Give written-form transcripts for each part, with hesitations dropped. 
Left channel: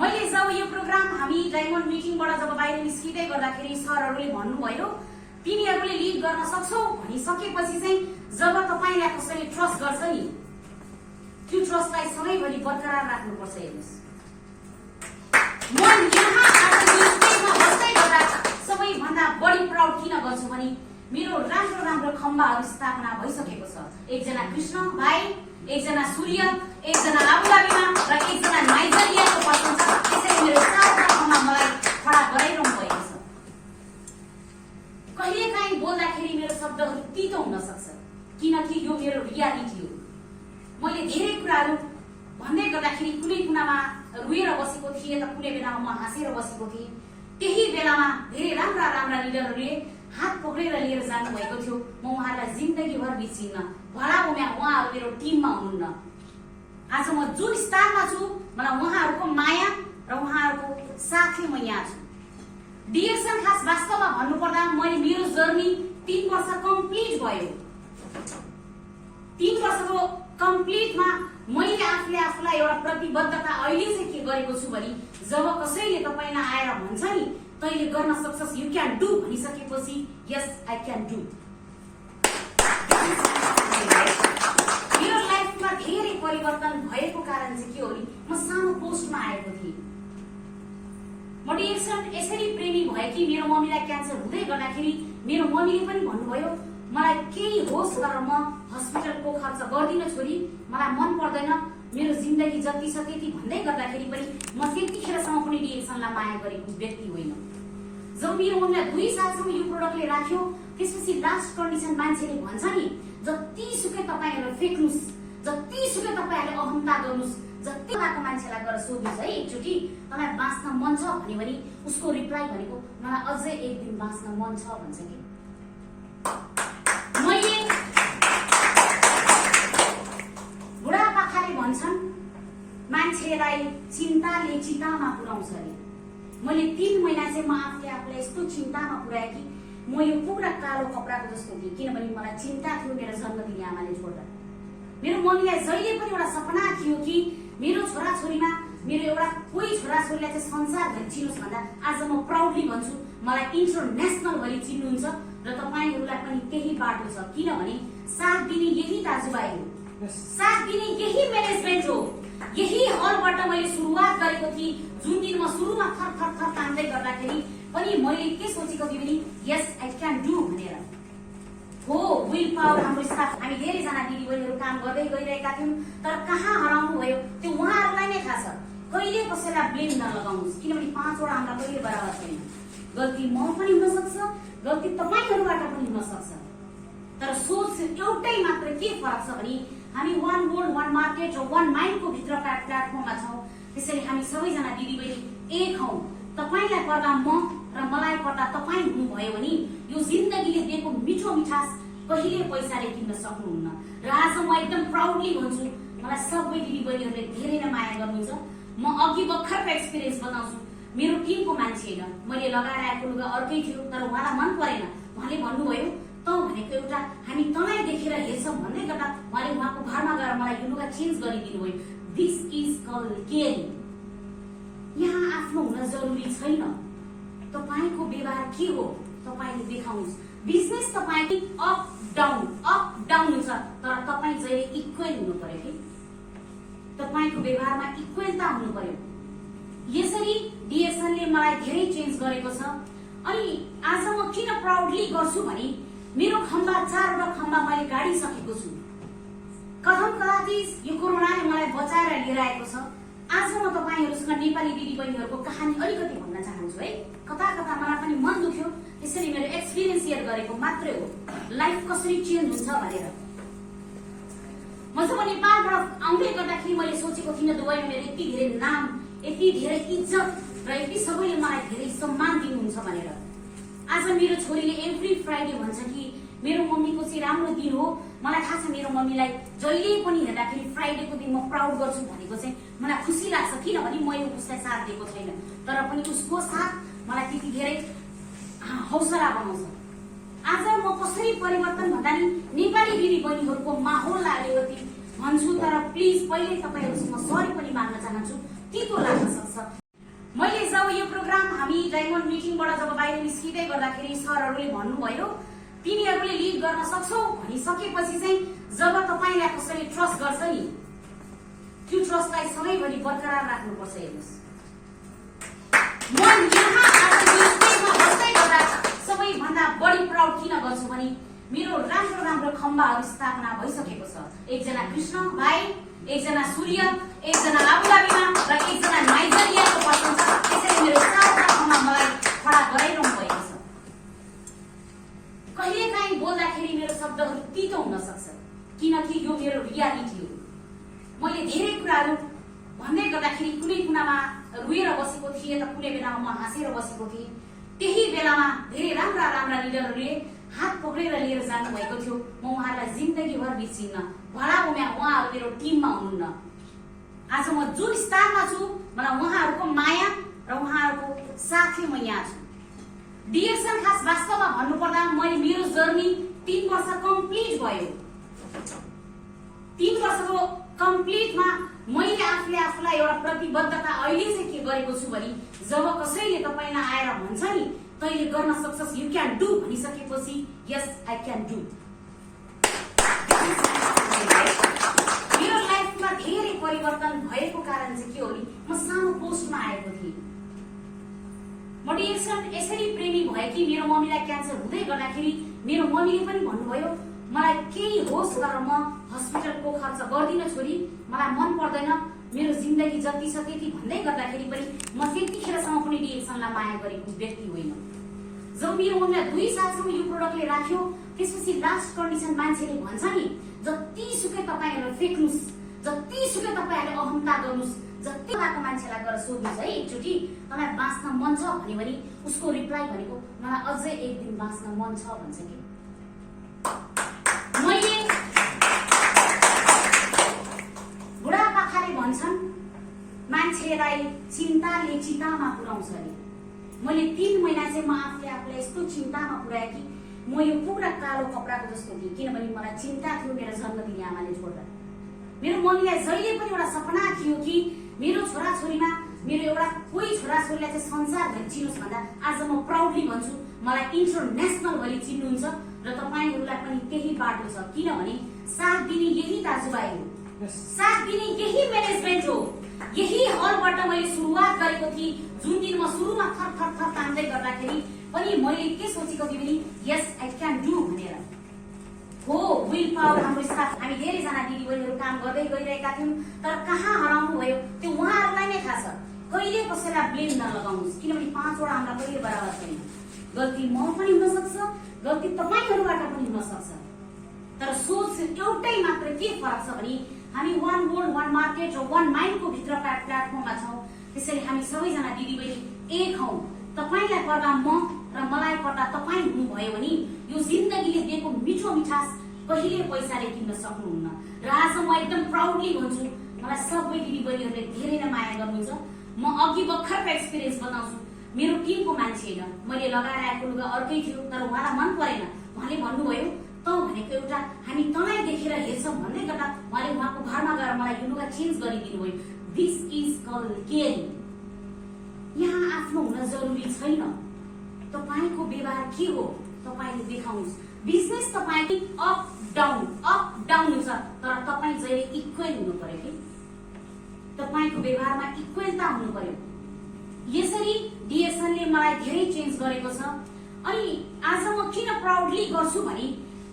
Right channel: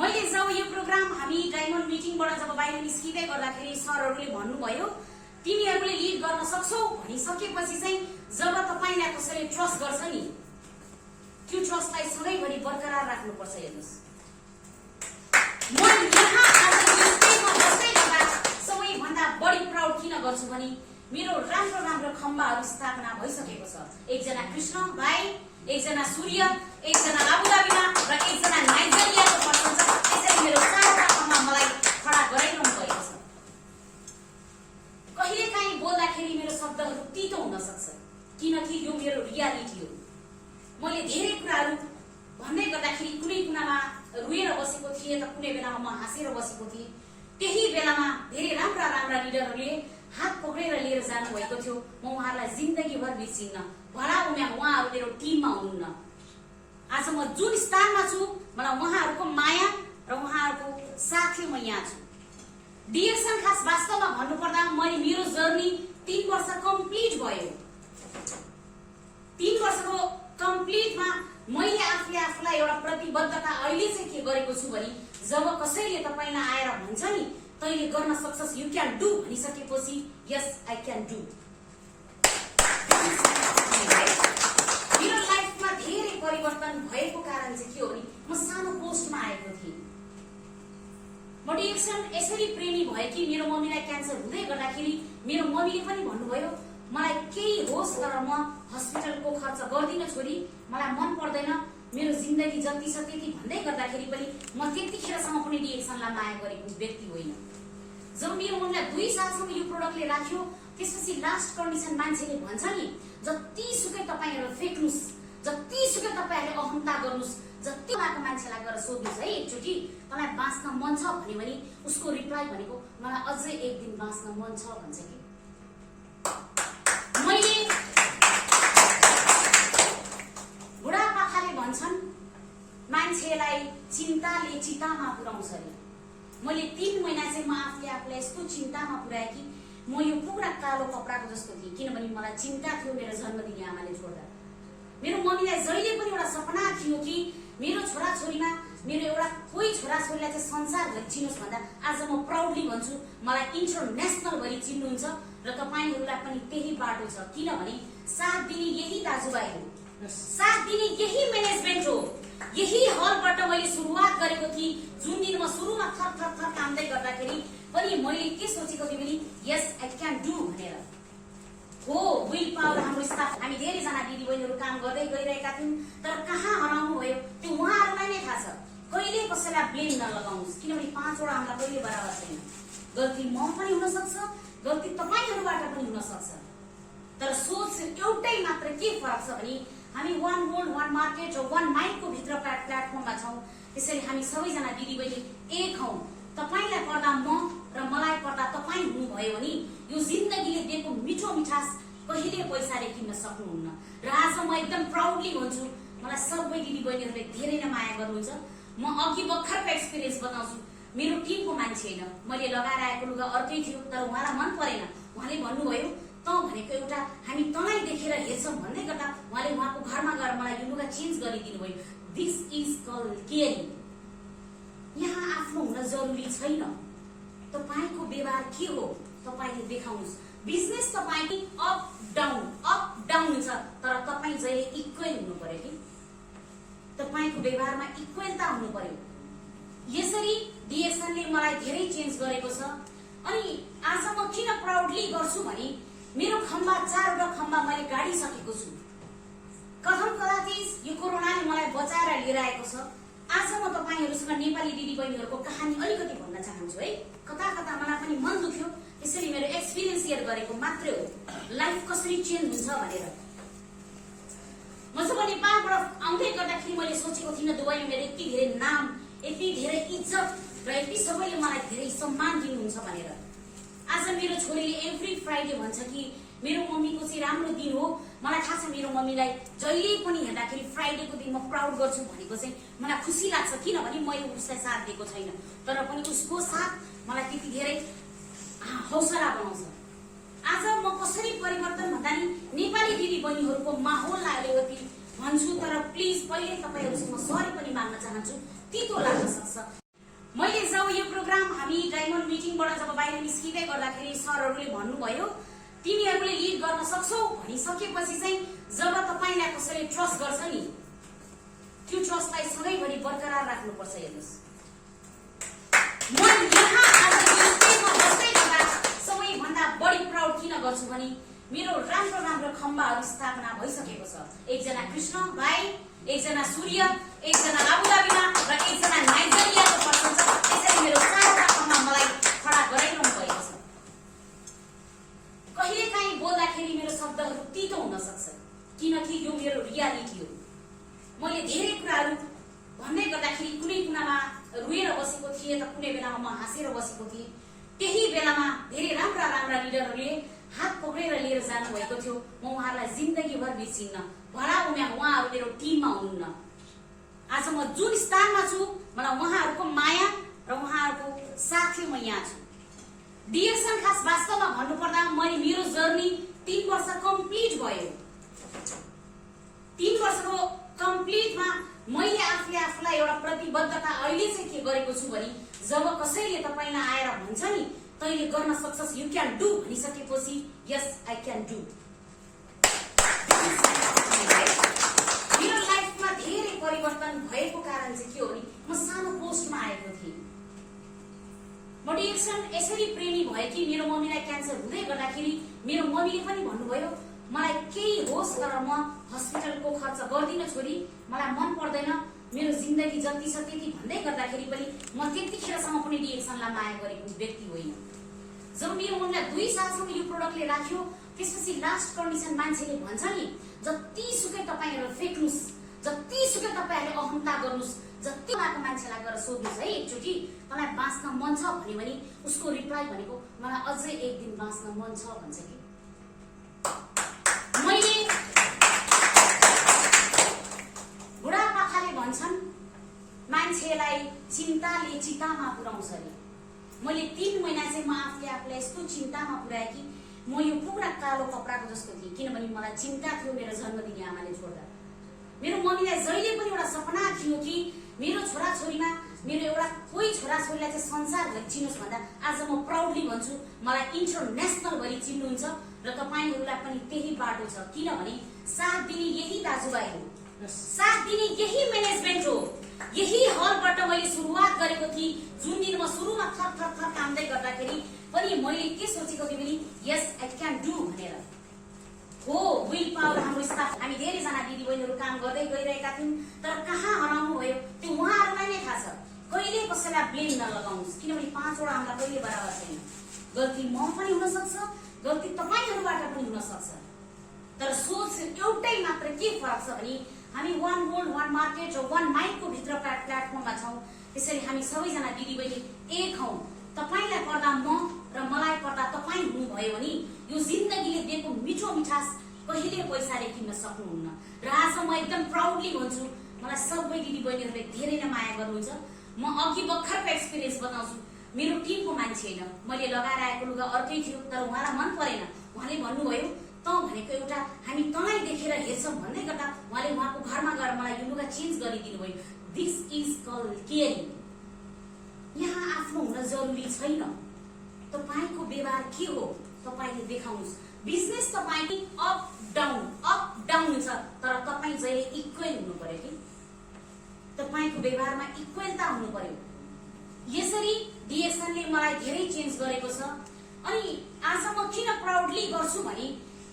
मैले जब यो प्रोग्राम हामी डायमन्ड मिटिङबाट जब बाहिर निस्किँदै गर्दाखेरि सरहरूले भन्नुभयो तिमीहरूले लिड गर्न सक्छौ भनिसकेपछि चाहिँ जब तपाईलाई कसैले ट्रस्ट गर्छ नि त्यो ट्रस्टलाई सधैँभरि बरकरार राख्नुपर्छ। हेर्नुहोस् म यहाँ आज यो स्टेजमा बस्दै गर्दा सबैभन्दा बढी प्राउड किन गर्छु भने मेरो राम्रो राम्रो खम्बाहरू स्थापना भइसकेको छ। एकजना कृष्ण भाइ, एकजना सूर्य, एकजना आबुधाबीमा र एकजना नाइजेरियाको पर्सन छ। त्यसैले मेरो चारवटा खम्बा मलाई खडा गराइरहनु भएको छ। कहिलेकाहीँ बोल्दाखेरि मेरो शब्दहरू तितो हुन सक्छ किनकि यो मेरो रियालिटी हो। मैले धेरै कुराहरू भन्दै गर्दाखेरि कुनै कुनामा रुएर बसेको थिएँ त कुनै बेलामा म हाँसेर बसेको थिएँ। त्यही बेलामा धेरै राम्रा राम्रा लिडरहरूले हात पक्रेर लिएर जानु भएको थियो। म उहाँहरूलाई जिन्दगीभर बिर्सिन्न। भला उहाँहरू मेरो टिममा हुनुहुन्न। आज म जुन स्थानमा छु मलाई उहाँहरूको माया र उहाँहरूको साथै म यहाँ छु। डिएक्सन खास वास्तवमा भन्नुपर्दा मैले मेरो जर्नी 3 वर्ष कम्प्लिट भयो। 3 वर्षको कम्प्लिटमा मैले आफूलाई एउटा प्रतिबद्धता अहिले चाहिँ के गरेको छु भने जब कसैले तपाईलाई आएर भन्छ नि तैले गर्न सक्छस्, यु क्यान डु भनिसकेपछि यस आई क्यान डु। मेरो लाइफमा धेरै परिवर्तन भएको कारण चाहिँ के हो नि म सानो पोस्टमा आएको थिएँ। म डिएक्सन यसरी प्रेमी भए कि मेरो मम्मीलाई क्यान्सर हुँदै गर्दाखेरि मेरो मम्मीले पनि भन्नुभयो मलाई केही होस् तर म हस्पिटलको खर्च गर्दिन छोरी, मलाई मन पर्दैन, मेरो जिन्दगी जति छ त्यति भन्दै गर्दाखेरि पनि म त्यतिखेरसम्म पनि डिएक्सनलाई माया गरेको व्यक्ति होइन। जब मेरो मम्मीलाई 2 सालसम्म यो प्रोडक्टले राख्यो त्यसपछि लास्ट कन्डिसन मान्छेले भन्छ नि जतिसुकै तपाईहरु फेक्नुस्, जतिसुकै तपाईहरुले अहमता गर्नुस्, जति भएको मान्छेलाई गएर सोध्नुस् है एकचोटी तपाईलाई बाँच्न मन छ भने उसको रिप्लाई भनेको मलाई अझै एक दिन बाँच्न मन छ भन्छ कि। मैले बुढापाकाले भन्छन् मान्छेलाई चिन्ताले चितामा पुर्याउँछ अरे। मैले 3 महिना चाहिँ म आफूलाई यस्तो चिन्तामा पुर्याए कि म यो पुरा कालो कपडाको जस्तो थिएँ किनभने मलाई चिन्ता थियो मेरो जन्म दिने आमाले छोड्दा। मेरो मम्मीलाई जहिले पनि एउटा सपना थियो कि मेरो छोराछोरीमा मेरो एउटा कोही छोराछोरीलाई चाहिँ संसारभरि चिनोस् भन्दा आज म प्राउडली भन्छु मलाई इन्टरनेसनल भरि चिन्नुहुन्छ र तपाईहरुलाई पनि त्यही बाटो छ किनभने साथ दिने यही दाजुभाइ हो, साथ दिने यही म्यानेजमेन्ट हो। यही हलबाट मैले सुरुवात गरेको थिएँ जुन दिन म सुरुमा थर थर थर कामदै गर्दाखेरि पनि मैले के सोचेको थिएँ भने यस आई क्यान डु भनेर हो। विल पावर हाम्रो स्टाफ हामी धेरैजना दिदीबहिनीहरू काम गर्दै गइरहेका थियौँ तर कहाँ हराउनु भयो त्यो उहाँहरूलाई नै थाहा छ। कहिले कसैलाई ब्लेम नलगाउनुहोस् किनभने 5 वटा हामीलाई कहिले बराबर छैन। गल्ती म पनि हुन सक्छ, गल्ती तपाईहरुबाट पनि हुन सक्छ, तर सोच एउटै मात्र के फरक छ भने हामी 1 गोल्ड 1 मार्केट र 1 माइन्ड को भित्र प्लेटफर्ममा छौं। त्यसैले हामी सबैजना दिदीबहिनी एक हौं। तपाईलाई पर्दा म र मलाई पर्दा तपाई हुनुभयो भने यो जिन्दगीले दिएको मिठो मिठास कहिले पैसाले किन्न सक्नुहुन्न। र आज म एकदम प्राउडली भन्छु मलाई सबै दिदीबहिनीहरूले धेरै नै माया गर्नुहुन्छ। म अघि भर्खरको एक्सपिरियन्स बताउँछु। मेरो टिमको मान्छे हैन, मैले लगाएर आएको लुगा अर्कै थियो तर उहाँलाई मन परेन। उहाँले भन्नुभयो त भनेको एउटा हामी तँलाई देखेर हेर्छौं भन्दै गर्दा उहाँले उहाँको घरमा गएर मलाई यो लुगा चेन्ज गरिदिनु भयो। This is called caring. यहाँ आफ्नो हुन जरुरी छैन। तपाईको व्यवहार के हो तपाईले देखाउनुस्। बिजनेस तपाईको अप डाउन हुन्छ तर तपाई जहिले इक्वल हुनु पर्यो कि तपाईको व्यवहारमा इक्वलता हुनु पर्यो। यसरी डिएक्सनले मलाई धेरै चेन्ज गरेको छ। अनि आज म किन प्राउडली गर्छु भने मेरो खम्बा 4वटा खम्बा मैले गाडिसकेको छु। कथम कदाति यो कोरोनाले मलाई बचाएर लिएर आएको छ। आज म तपाईहरुसँग नेपाली दिदीबहिनीहरुको कहानी अलिकति भन्न चाहन्छु है। कता कता मलाई पनि मन दुख्यो त्यसैले मेरो एक्सपिरियन्स शेयर गरेको मात्रै हो लाइफ कसरी चेन्ज हुन्छ भनेर। म जब नेपालबाट आउँदै गर्दाखेरि मैले सोचेको थिइनँ दुबईमा मेरो यति धेरै नाम, यति धेरै इज्जत र यति सबैले मलाई धेरै सम्मान दिनुहुन्छ भनेर। आज मेरो छोरीले एभ्री फ्राइडे भन्छ कि मेरो मम्मीको चाहिँ राम्रो दिन हो। मलाई थाहा छ मेरो मम्मीलाई जहिले पनि हेर्दाखेरि फ्राइडेको दिन म प्राउड गर्छु भनेको चाहिँ मलाई खुसी लाग्छ किनभने मैले उसलाई साथ दिएको छैन तर पनि उसको साथ मलाई त्यति धेरै हौसला बनाउँछ। आज म कसरी परिवर्तन भन्दा नि नेपाली दिदीबहिनीहरुको माहौललाई अलिकति भन्छु तर प्लिज पहिले तपाईहरुसँग सरी पनि माग्न चाहन्छु। तितो लाग्न सक्छ डायमन्ड मिटिङबाट जब बाहिर निस्किँदै गर्दाखेरि सरहरूले भन्नुभयो तिमीहरूले लिड गर्न सक्छौ भनिसकेपछि चाहिँ जब तपाईलाई कसैले ट्रस्ट गर्छ नि त्यो ट्रस्टलाई सबैभरि बरकरार राख्नुपर्छ। हेर्नुस् म यहाँ आज यो स्टेजमा बस्दै गर्दा सबैभन्दा बढी प्राउड किन गर्छु भने मेरो राम्रो राम्रो खम्बाहरू स्थापना भइसकेको छ। एकजना कृष्ण भाइ, एकजना सूर्य, एकजना आबुधाबीमा र एकजना नाइजेरियाको पर्सन छ। त्यसैले मेरो चारवटा खम्बा मलाई खडा गराइरहनु भएको छ। कहिलेकाहीँ बोल्दाखेरि मेरो शब्दहरू तितो हुन सक्छ किनकि यो मेरो रियालिटी हो। मैले धेरै कुराहरू भन्दै गर्दाखेरि कुनै कुनामा रुएर बसेको थिएँ त कुनै बेलामा म हाँसेर बसेको थिएँ। त्यही बेलामा धेरै राम्रा राम्रा लिडरहरूले हात पक्रेर लिएर जानुभएको थियो। म उहाँहरूलाई जिन्दगीभर बिर्सिन्न। भला उहाँहरू मेरो टिममा हुनुहुन्न। आज म जुन स्थानमा छु मलाई उहाँहरूको माया र उहाँहरूको साथले म यहाँ छु। डिएक्सन खास वास्तवमा भन्नुपर्दा मैले मेरो जर्नी 3 वर्ष कम्प्लिट भयो। 3 वर्षको कम्प्लिटमा मैले आफूलाई एउटा प्रतिबद्धता अहिले चाहिँ के गरेको छु भने जब कसैले तपाईलाई आएर भन्छ नि तैले गर्न सक्छस्, यु क्यान डु भनिसकेपछि यस आई क्यान डु। मेरो लाइफमा धेरै परिवर्तन भएको कारण चाहिँ के हो नि म सानो पोस्टमा आएको थिएँ। म डिएक्सन यसरी प्रेमी भए कि मेरो मम्मीलाई क्यान्सर हुँदै गर्दाखेरि मेरो मम्मीले पनि भन्नुभयो मलाई केही होस् तर म हस्पिटलको खर्च गर्दिन छोरी, मलाई मन पर्दैन, मेरो जिन्दगी जति छ त्यति भन्दै गर्दाखेरि पनि म त्यतिखेरसम्म पनि डिएक्सनलाई माया गरेको व्यक्ति होइन। जब मेरो मम्मीलाई 2 सालसम्म यो प्रोडक्टले राख्यो त्यसपछि लास्ट कन्डिसन मान्छेले भन्छ नि जतिसुकै तपाईहरु फेक्नुस्, जतिसुकै तपाईहरुले अहंता गर्नुस्, जति भएको मान्छेलाई गएर सोध्नुस् है एकचोटी तपाईलाई बाँच्न मन छ भने उसको रिप्लाई भनेको मलाई अझै एक दिन बाँच्न मन छ भन्छ के। मैले बुढापाकाले भन्छन् मान्छेलाई चिन्ताले चितामा पुर्याउँछ अरे। मैले 3 महिना चाहिँ म आफूलाई यस्तो चिन्तामा पुर्याए कि म यो पुरा कालो कपडाको जस्तो थिएँ किनभने मलाई चिन्ता थियो मेरो जन्म दिने आमाले छोड्दा। मेरो मम्मीलाई जहिले पनि एउटा सपना थियो कि मेरो छोराछोरीमा मेरो एउटा कोही छोराछोरीलाई चाहिँ संसारभरि चिनोस् भन्दा आज म प्राउडली भन्छु मलाई इन्टरनेसनल भरि चिन्नुहुन्छ र तपाईहरुलाई पनि त्यही बाटो छ किनभने साथ दिने यही दाजुभाइ हो, साथ दिने यही म्यानेजमेन्ट हो। यही हलबाट मैले सुरुवात गरेको थिएँ जुन दिन म सुरुमा थर थर थर कामदै गर्दाखेरि पनि मैले के सोचेको थिएँ भने यस आई क्यान डु भनेर हो। विल पावर हाम्रो स्टाफ हामी धेरै जना दिदीबहिनीहरु काम गर्दै गइरहेका थियौं तर कहाँ हराउनु भयो त्यो उहाँहरुलाई नै थाहा छ। कहिले कसैलाई ब्लेम नलगाउनुस् किनभने 5 वटा हामीलाई कहिले बराबर छैन। गल्ती म पनि हुन सक्छ, गल्ती तपाईहरुबाट पनि हुन सक्छ, तर सोच एउटै मात्र के फरक छ भने हामी वान वर्ल्ड वान मार्केट र वान माइन्ड को भित्र प्लेटफर्ममा छौं। त्यसैले हामी सबैजना दिदीबहिनी एक हौं। तपाईलाई पर्दा म र मलाई पर्दा तपाई हुनुभयो भने यो जिन्दगीले दिएको मिठो मिठास कहिले पैसाले किन्न सक्नुहुन्न। र आज म एकदम प्राउडली भन्छु मलाई सबै दिदीबहिनीहरुले धेरै नै माया गर्नुहुन्छ। म अघि भर्खरको एक्सपिरियन्स बताउँछु। मेरो टिमको मान्छे हैन, मैले लगाएर आएको लुगा अर्कै थियो तर उहाँलाई मन परेन। उहाँले भन्नुभयो त भनेको एउटा हामी तँलाई देखेर हेर्छौं भन्दै गर्दा उहाँले उहाँको घरमा गएर मलाई यो लुगा चेन्ज गरिदिनु भयो। This is called caring. यहाँ आफ्नो हुन जरुरी छैन। तपाईको व्यवहार के हो तपाईले देखाउनुस्। बिजनेस तपाईको अप डाउन हुन्छ तर तपाई जहिले इक्वल हुनु पर्यो कि तपाईको व्यवहारमा इक्वलता हुनु पर्यो। यसरी डिएक्सनले मलाई धेरै चेन्ज गरेको छ। अनि आज म किन प्राउडली गर्छु भने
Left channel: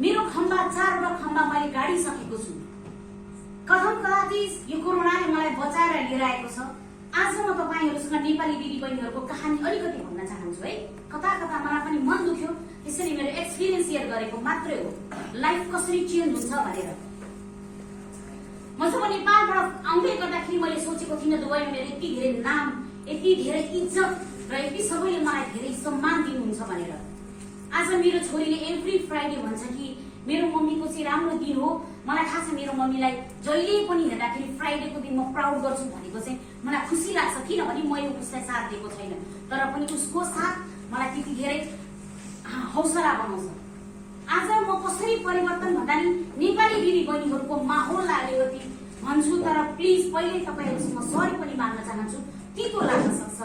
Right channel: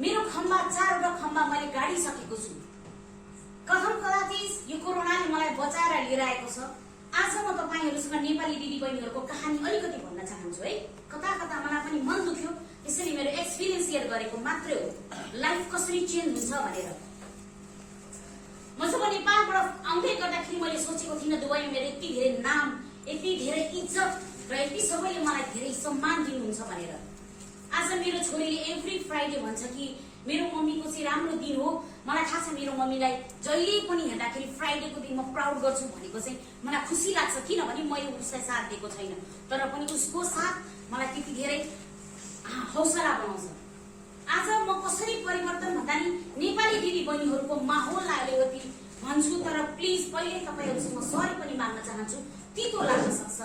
मेरो खम्बा 4वटा खम्बा मैले गाडिसकेको छु। कथम कदाति यो कोरोनाले मलाई बचाएर लिएर आएको छ। आज म तपाईहरुसँग नेपाली दिदीबहिनीहरुको कहानी अलिकति भन्न चाहन्छु है। कता कता मलाई पनि मन दुख्यो त्यसैले मेरो एक्सपिरियन्स शेयर गरेको मात्रै हो लाइफ कसरी चेन्ज हुन्छ भनेर। म जब नेपालबाट आउँदै गर्दाखेरि मैले सोचेको थिइनँ दुबईमा मेरो यति धेरै नाम, यति धेरै इज्जत र यति सबैले मलाई धेरै सम्मान दिनुहुन्छ भनेर। आज मेरो छोरीले एभ्री फ्राइडे भन्छ कि मेरो मम्मीको चाहिँ राम्रो दिन हो। मलाई थाहा छ मेरो मम्मीलाई जहिले पनि हेर्दाखेरि फ्राइडेको दिन म प्राउड गर्छु भनेको चाहिँ मलाई खुसी लाग्छ किनभने मैले उसलाई साथ दिएको छैन तर पनि उसको साथ मलाई त्यति धेरै हौसला बनाउँछ। आज म कसरी परिवर्तन भन्दा नि नेपाली दिदीबहिनीहरुको माहौललाई अलिकति भन्छु तर प्लिज पहिले तपाईहरुसँग सरी पनि माग्न चाहन्छु। तितो लाग्न सक्छ